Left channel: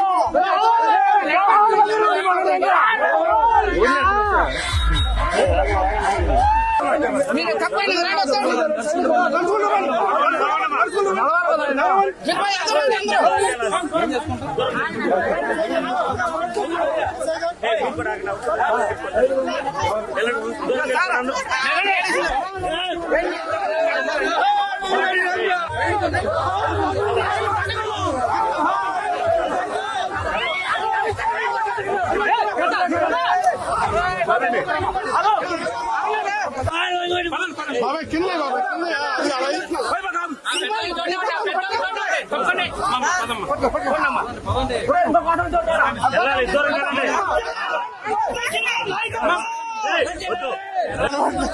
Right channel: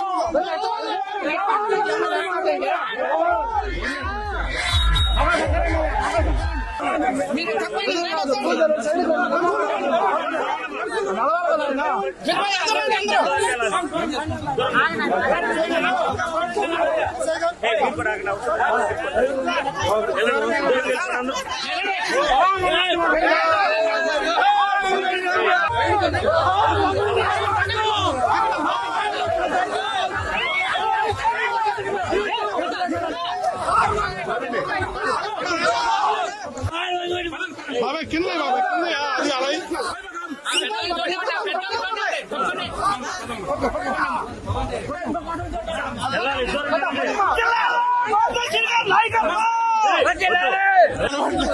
సరిగ్గా చేయదు మీరు తప్పండి రండి చెప్పండి ఎంతమంది అందరూ బాబాయ్ కింద బాబాయ్ కింద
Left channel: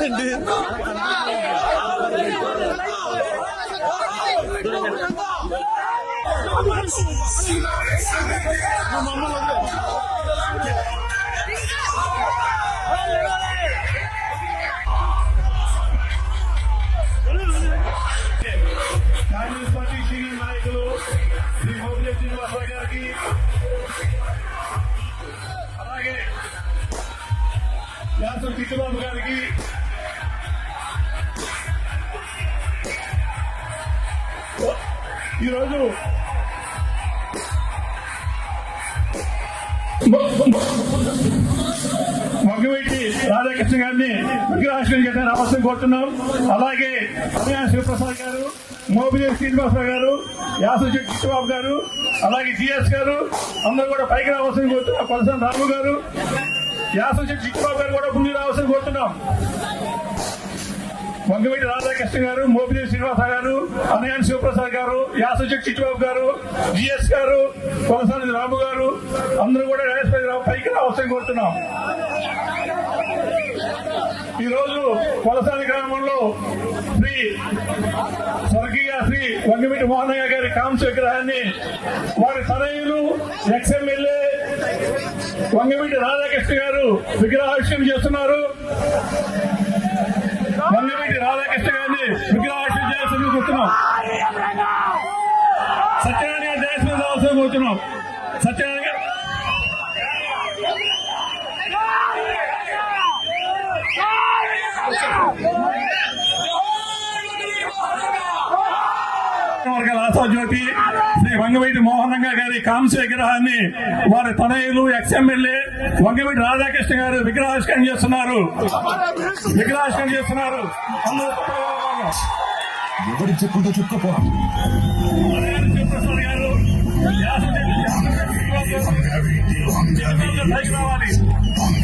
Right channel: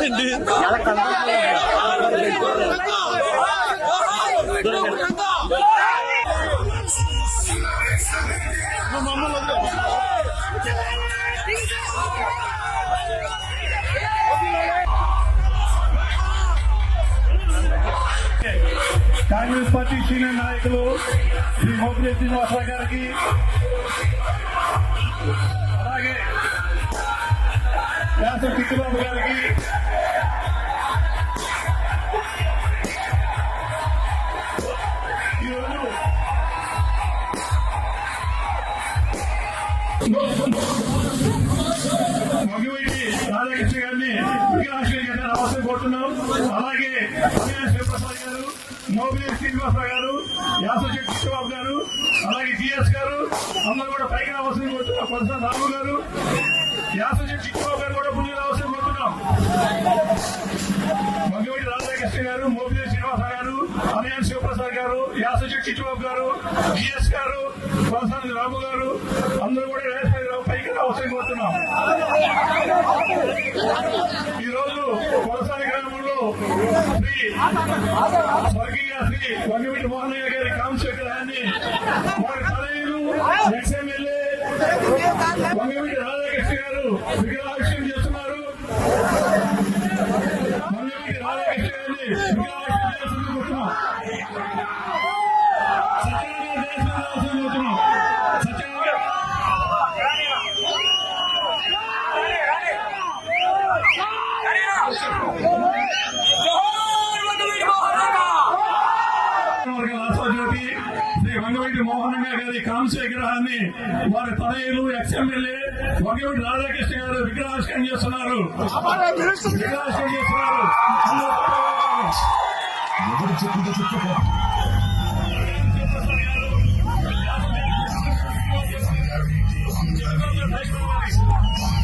అది అలా మమ్మల్ని శ్రీనివాసరావు గారికి అలాగే శాసన చిట్టుబాబు గారికి ఈరోజు మగవైటి రాధాకృష్ణ గారిని విగ్రహాశ్రయం చేయాలని అవసరం కోరుతున్నాం. అలాగే మోబిలి శ్రీనివాసరావు గారు యాసరి కృష్ణబాబు గారు అలాగే జిఎస్ గారు అందరూ కూడా పైకి రావాల్సింది కోరుతున్నాం. కొనసాగి రాము గారు యాసరి చిట్టుబాబు గారు కూడా ముందు రావాల్సింది కోరుతున్నాం. మంగవైటి రాధాకృష్ణ గారు మోపిదేవి శ్రీనివాస గారు అన్నయాన్ శివప్రసాద్ గారు యాసచెట్టి చిట్టుబాబు గారు జిఎస్ గారు కొనసాగి రాము గారు అందరూ కూడా వేసపై పైకి అవసరం కోరుతున్నాం. ఈ రోజు కొలసాని శ్రీ స్వర్గీయ శ్రీ వంగవీటి మోహనయ్య గారి కాంస వారి తనయులు ఎక్స్ఎమ్మెల్యే వంగవీటి రాధాకృష్ణ గారు విగ్రహావిష్యం చేస్తున్నారు మంగళగిరి రాధాకృష్ణ గారిని విగ్రహావిష్యం చేయాల్సింది కూర్చున్నాం సత్యనారాయణ దేశం రావాల్సిన కూర్చున్నాం సత్యనారాయణ ఆశాజ్యోతి శ్రీ వంగవీటి మోహనంగా గారి కాంస్య విగ్రహాన్ని వారి తనయులు ఎక్స్ఎమ్మెల్యే వంగవీటి రాధాకృష్ణ గారు విగ్రహావిష్కరణ చేస్తున్నారు. విగ్రహావిష్కరణ చేస్తున్నారు. ఎవరు చెప్పుకుంటూ చెప్పుకో. మోహనంగా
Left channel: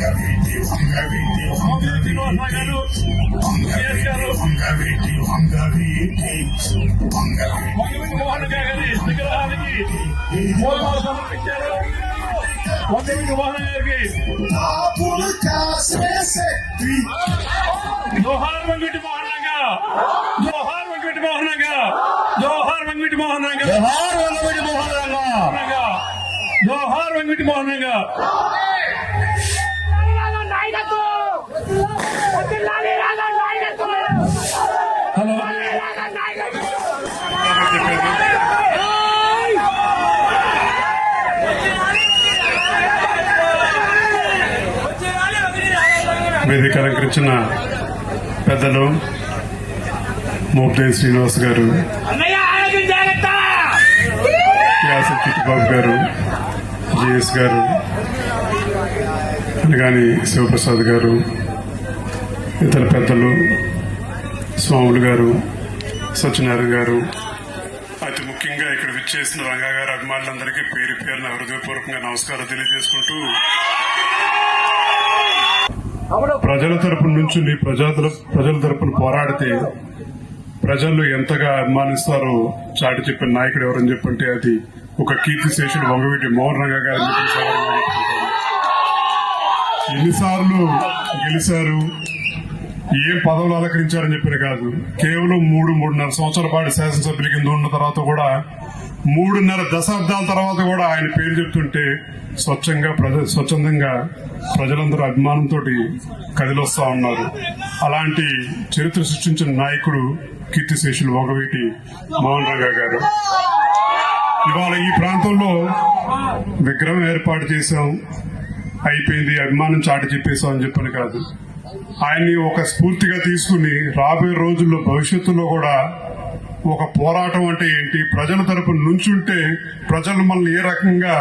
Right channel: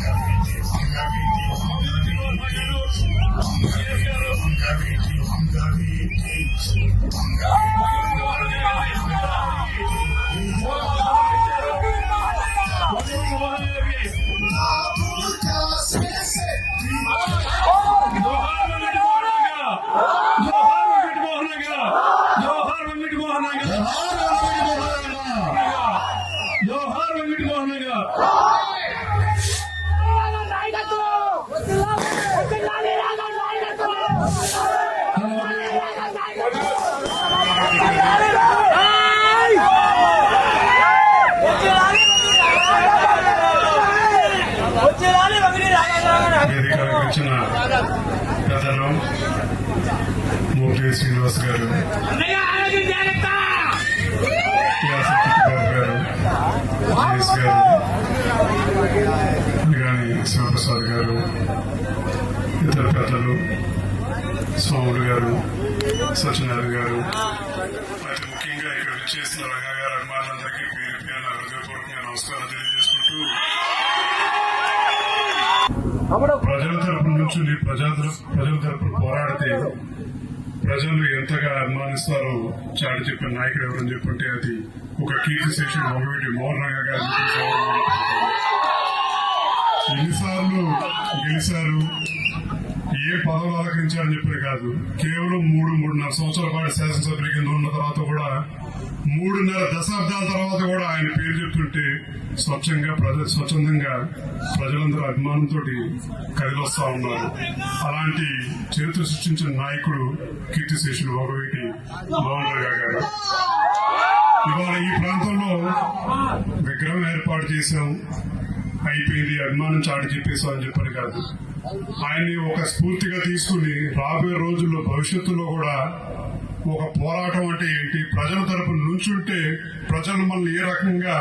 జోహార్ వెంకట మోహన్ మోహనంగా. వేదిక అలంకరించిన పెద్దలు మోపిదేవి శ్రీనివాస్ గారు యాస చిట్టుబాబు గారు జిఎస్ గారు అలాగని శివప్రసాద్ గారు ఇతర పెద్దలు స్వాములు గారు సత్యనారాయణ గారు అతి ముఖ్యంగా ఇక్కడ విచ్చేసిన రంగా గారు అభిమానులందరికీ పేరు పేరున హృదయపూర్వకంగా నమస్కారం తెలియజేసుకుంటూ ప్రజల తరపు నుంచి ప్రజల ప్రజల తరపున పోరాడితే ప్రజలు ఎంతగా అభిమానిస్తారో చాటి చెప్పిన నాయకుడు ఎవరని చెప్పంటే అది ఒక కీర్తి శేషుడు వంగవీటి మోహన్ రంగ గారి ఎన్నిసార్లు గెలిచారు ఏ పదవులు అలంకరించారని చెప్పారు కాదు. కేవలం మూడు మూడున్నర సంవత్సరాల పాటు శాసనసభ్యుల కింద ఉన్న తర్వాత కూడా మూడున్నర దశాబ్దాల తర్వాత కూడా ఆయన పేరు చెప్తుంటే స్వచ్ఛంగా ప్రజ స్వచ్ఛందంగా ప్రజలందరూ అభిమానంతో కదిలొస్తా ఉన్నారు. అలాంటి చరిత్ర సృష్టించిన నాయకుడు కీర్తిశేషులు ఒకవేటి మోహన్ గారు. ఇవాళ ఈ ప్రాంతంలో విగ్రహం ఏర్పాటు చేశాం. అయిపోయింది. అభిమానం చాటి చెప్పేశాం అని చెప్పని కాదు. ఆయన్ని ఒక స్ఫూర్తిగా తీసుకుని రాబోయే రోజుల్లో భవిష్యత్తులో కూడా ఒక పోరాటం అంటే ఏంటి? ప్రజల తరపు నుంచుంటే ప్రజలు మనల్ని ఏ రకంగా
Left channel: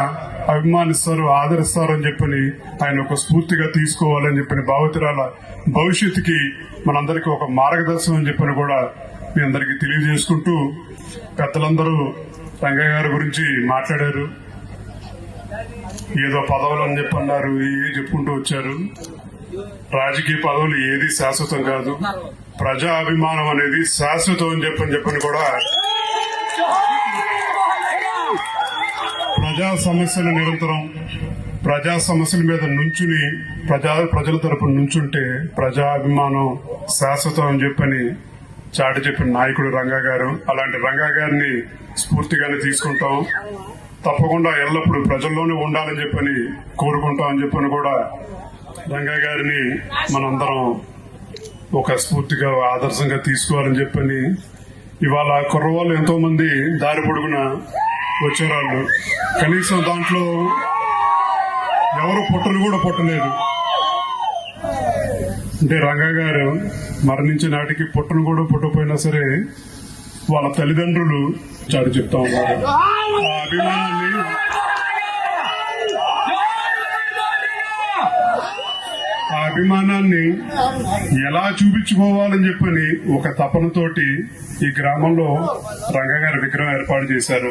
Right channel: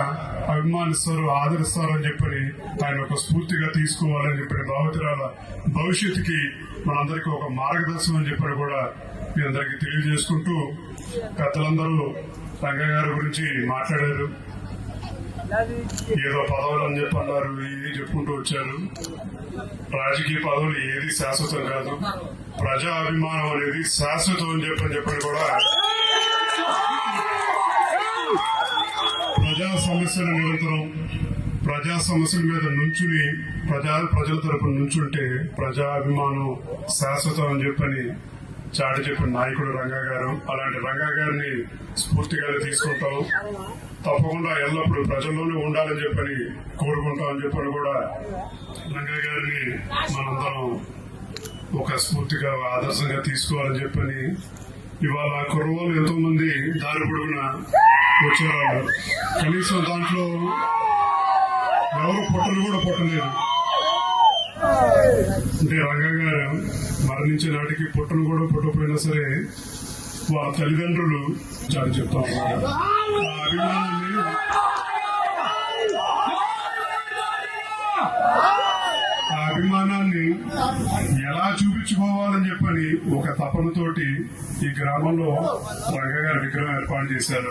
అభిమానిస్తారు ఆదరిస్తారు అని చెప్పని ఆయన ఒక స్ఫూర్తిగా తీసుకోవాలని చెప్పిన భావితరాల భవిష్యత్తుకి మనందరికీ ఒక మార్గదర్శనం అని చెప్పని కూడా మీ అందరికీ తెలియజేసుకుంటూ పెద్దలందరూ రంగయ్య గారి గురించి మాట్లాడారు. ఏదో పదవులు అని చెప్పి అన్నారు ఏ చెప్పుకుంటూ వచ్చారు. రాజకీయ పదవులు ఏది శాశ్వతం కాదు. ప్రజా అభిమానం అనేది శాశ్వతం అని చెప్పని చెప్పని కూడా ప్రజా సమస్యల నిరంతరం ప్రజా సమస్యల మీద నుంచుని ప్రజా ప్రజల తరపున నుంచుంటే ప్రజా అభిమానం శాశ్వతం అని చెప్పని చాటి చెప్పిన నాయకుడు రంగా గారు. అలాంటి రంగా గారిని స్ఫూర్తిగానే తీసుకుంటాం. తప్పకుండా ఎల్లప్పుడూ ప్రజల్లోనే ఉండాలని చెప్పని కోరుకుంటామని చెప్పని కూడా రంగా గారిని మనందరం ఒక స్ఫూర్తిగా ఆదర్శంగా తీసుకోవాలని చెప్పని ఇవాళ కుర్రవాళ్ళు ఎంతో మంది దారి పొడుగున వచ్చేవాళ్ళు కనీసం దాంట్లో ఎవరు పుట్టలు కూడా పుట్టలేదు. అంటే రంగా గారు మరణించిన నాటికి పుట్టను కూడా పుట్టకపోయినా సరే వాళ్ళ తల్లిదండ్రులు చాటు చెప్తా ఉన్నారు. ఆ అభిమానాన్ని ఆ అభిమానాన్ని ఎలా చూపించుకోవాలని చెప్పని ఒక తపనతోటి ఈ గ్రామంలో రంగగారి విగ్రహం ఏర్పాటు చేశారు.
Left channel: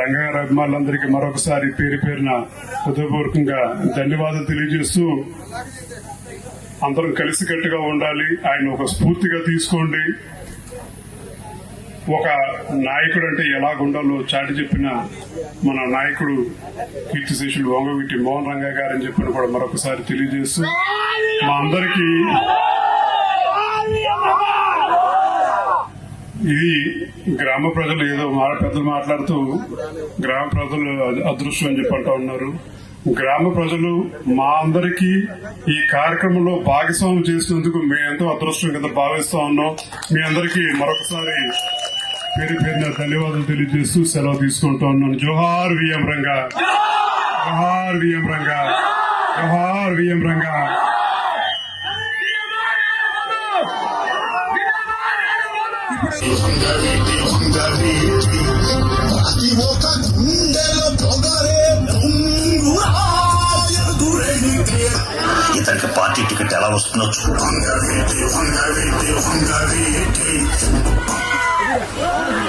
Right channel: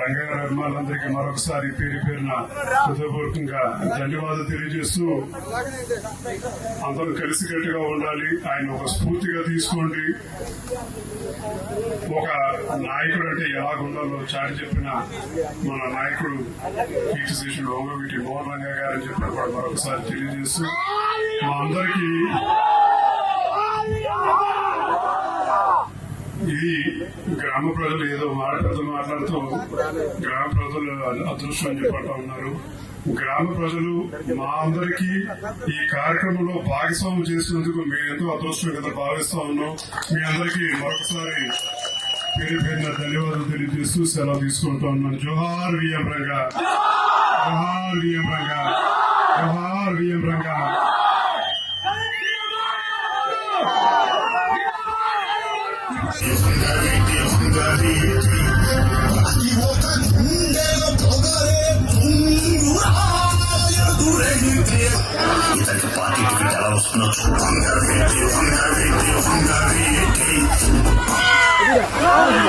రంగగారి అభిమానులందరికీ మరొకసారి పేరు పేరున హృదయపూర్వకంగా ధన్యవాదాలు తెలియజేస్తూ అందరం కలిసికట్టుగా ఉండాలి. ఆయన ఒక స్ఫూర్తిగా తీసుకోండి. ఒక నాయకుడు అంటే ఎలాగుండాలో చాటి చెప్పిన మన నాయకుడు కీర్తిశేషులు వంగవీటి మోహన్ రంగా గారని చెప్పిన కూడా మరొకసారి తెలియజేస్తూ మా అందరికీ ఇది గ్రామ ప్రజలు ఏదో మాట పెద్ద మాట్లాడుతూ గ్రామ ప్రజలు అదృష్టం అని చెప్పంటా ఉన్నారు. గ్రామ ప్రజలు మా అందరికీ ఈ కార్యక్రమంలో భాగస్వామ్యం చేసినందుకు మేము ఎంతో అదృష్టం కింద భావిస్తా ఉన్నాం. మీ అందరికీ మరొకసారి పేరు పేరున ధన్యవాదాలు తెలియజేస్తూ సెలవు తీసుకుంటా ఉన్నాను. జోహార్ విఎం రంగా. జోహార్ విఎం రంగా. జోహార్ విఎం రంగా. ఒక గుండెలో పొగరే ముంగురాయదురెడితే ఇతనికి పార్టీ టికెట్ ఎలా వస్తుందో చూద్దాం. వంగవీటి వంగవీటి Não?